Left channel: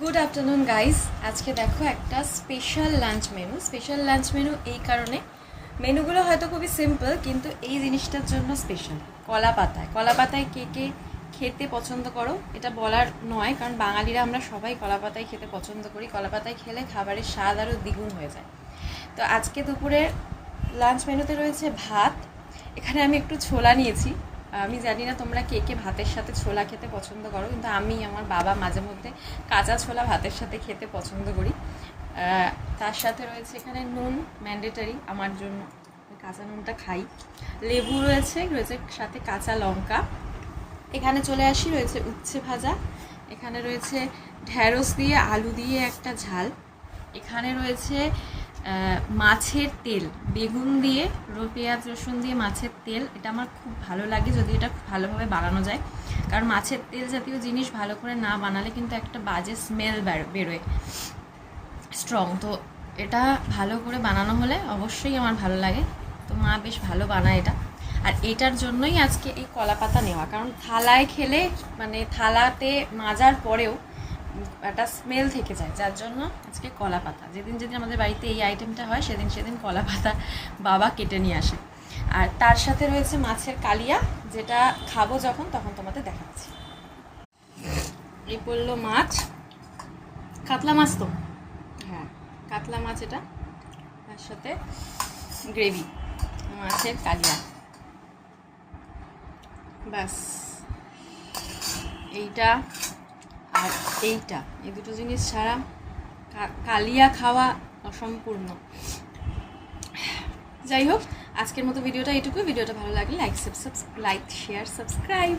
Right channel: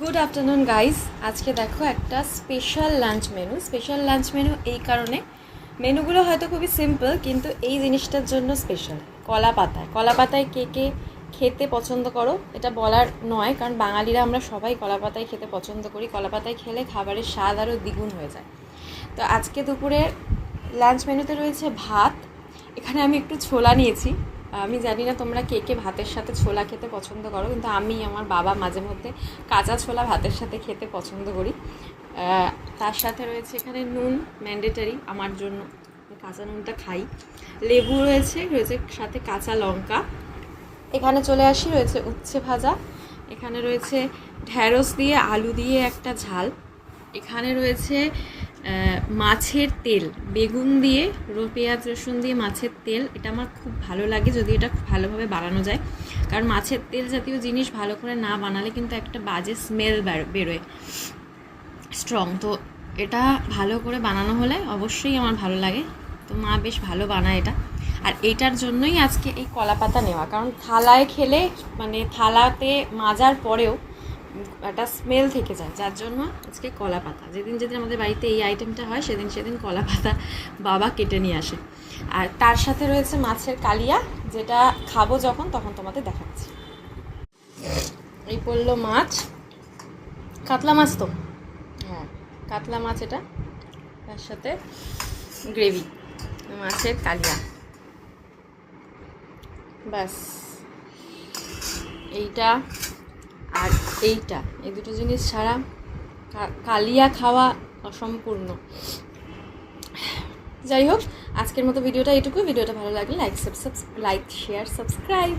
Good afternoon guys. আজকে দেখো একটা স্পেশাল লাঞ্চ মেনু এই কারণে, মেনুগুলো হয়তো খুবই সিম্পল কিন্তু এই জিনিসটার জন্য স্পেশাল। কলা পাতায় কে কে খেতে পছন্দ করো এটা বলার নয়, কারণ বাঙালিরা আমরা সবাই কলা পাতায় খেতে পছন্দ করি। কলা পাতায় খেলে খাবারের স্বাদ আরও দ্বিগুণ হয়ে যায়। তো আজকে দুপুরে লাঞ্চ মেনুতে রয়েছে ভাত। এখানে আমি একটু ছোলা নিয়েছি। আমি জানি না তোমরা কে কে ভাতের সাথে ছোলা খেতে পছন্দ করো, কিন্তু আমি, আমার বাবা মাঝে মধ্যে কাঁচা ছোলা ভাতের সাথে খেতে পছন্দ করি। তার সাথে রয়েছে এখানে নুন, ম্যান্ডেটারি আমার জন্য, কাঁচা নুনটা খাই। লেবু রয়েছে সাথে কাঁচা লঙ্কা। এখানে চলে আসি, রয়েছে উচ্ছে ভাজা। এখানে রয়েছে ঢ্যাঁড়স দিয়ে আলু দিয়ে একটা ঝাল। এখানে রয়েছে মাছের তেল, বেগুন দিয়ে পেঁয়াজ রসুন দিয়ে মাছের তেল। এটা আমার খুব ভালো লাগে যদি এটা ভালোভাবে বানানো যায়, কারণ মাছের তেল জাতীয় জিনিস ভালো করে না বানালে কিন্তু একটা বাজে স্মেল বেরোয়, স্ট্রং। তো এটা ভালো করে বানানো হলে অবশ্যই আমার ভালো লাগে। তো মা বেশ ভালো বানায় এটা। আর এটার জন্যই আজকে এই কলা পাতা নেওয়া, কারণ থালায় খেলে মানে থালাতে মাজার পরেও একটা স্মেল থেকে যায়, যার জন্য আজকে কলা পাতা। যেদিন আমাদের বাড়িতে এই আইটেমটা হয় সেদিন কলা পাতা বাবা কেটে নিয়ে আসে। আর তার সাথে রয়েছে মাছের কালিয়া, যেটা খাবো যখন তখন তোমাদের দেখাচ্ছি। এই পড়লো মাছ, কাতলা মাছ। তো হ্যাঁ, কাতলা মাছ এটা। তার সাথে গ্রেভি, মাছের কালিয়া, ব্যাস। এইটা আর এইটা, এই দুটো জিনিস ছাড়া কালিয়া খাওয়া অসম্পূর্ণ। যাই হোক, আজকের মতো ভিডিওটা এইটুকু। ভিডিওটা ভালো লাগলে লাইক শেয়ার সাবস্ক্রাইব।